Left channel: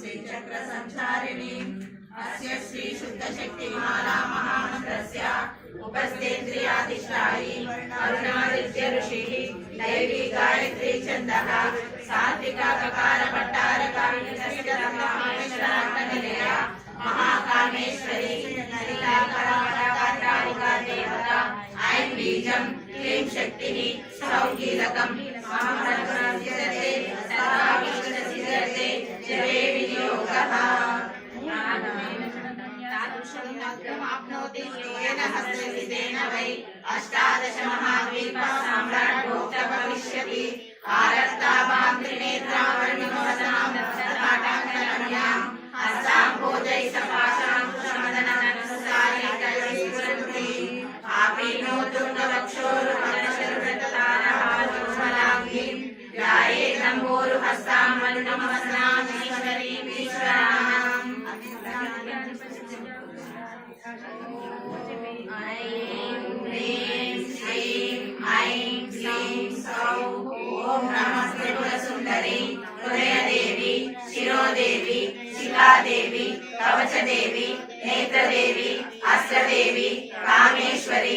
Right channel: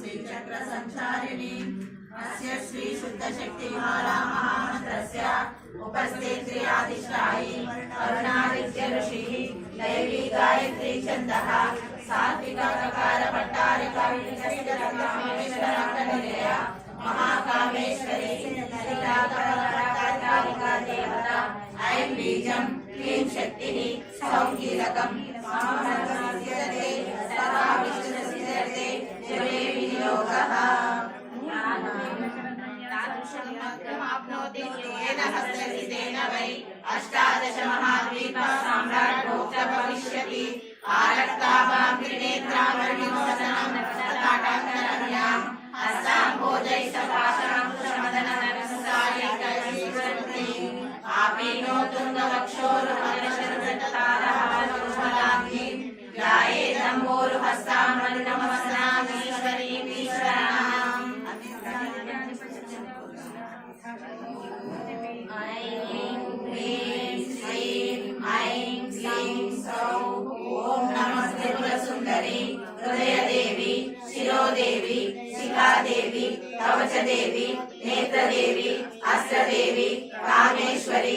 श्रीचक्रसञ्चारिणीम् अस्य श्री शुद्धशक्तिमाला महामन्त्रस्य उपस्थेन्द्रियाधिष्ठायी अरुणादित्य ऋषिः दैवी गायत्री छन्दः सात्विका ककार भट्टारका विकसितरामेश्वराङ्गनिलया महाकामेश्वरी नीलाकरपराकालिका देवता ऐं बीजं क्लीं शक्तिः सौकीलकं महामन्त्रसिद्धते सर्वाभीष्टसिद्धते जपे विनियोगः तादृशमाप्नोति येन हस्तसिद्धेन वै अष्टादश महाद्वीपः साम्राट् भोक्ता भविष्यति आरक्ताभां त्रिनेत्रां वर्णिमोहसां रक्तताटाङ्गरण्यां हस्तां भोजैः सपाशां कुशमदनननुसारे कैश्वरन्ति आपीनो तुङ्गवक्षोरुहर्षरुदत्तारहारुज्ज्वलाङ्गीं ध्यायेदम्बोरुहस्तां वरुणमवसनामीश्वरीम् ईश्वराणाम् ऐं ह्रीं श्रीं ऐं क्लीं सौः ॐ नमस्ते कुलसुन्दरी हृदयदेवी शिरोदेवी शिखादेवी कवचदेवी नेत्रदेवी अस्त्रदेवी कामेश्वरी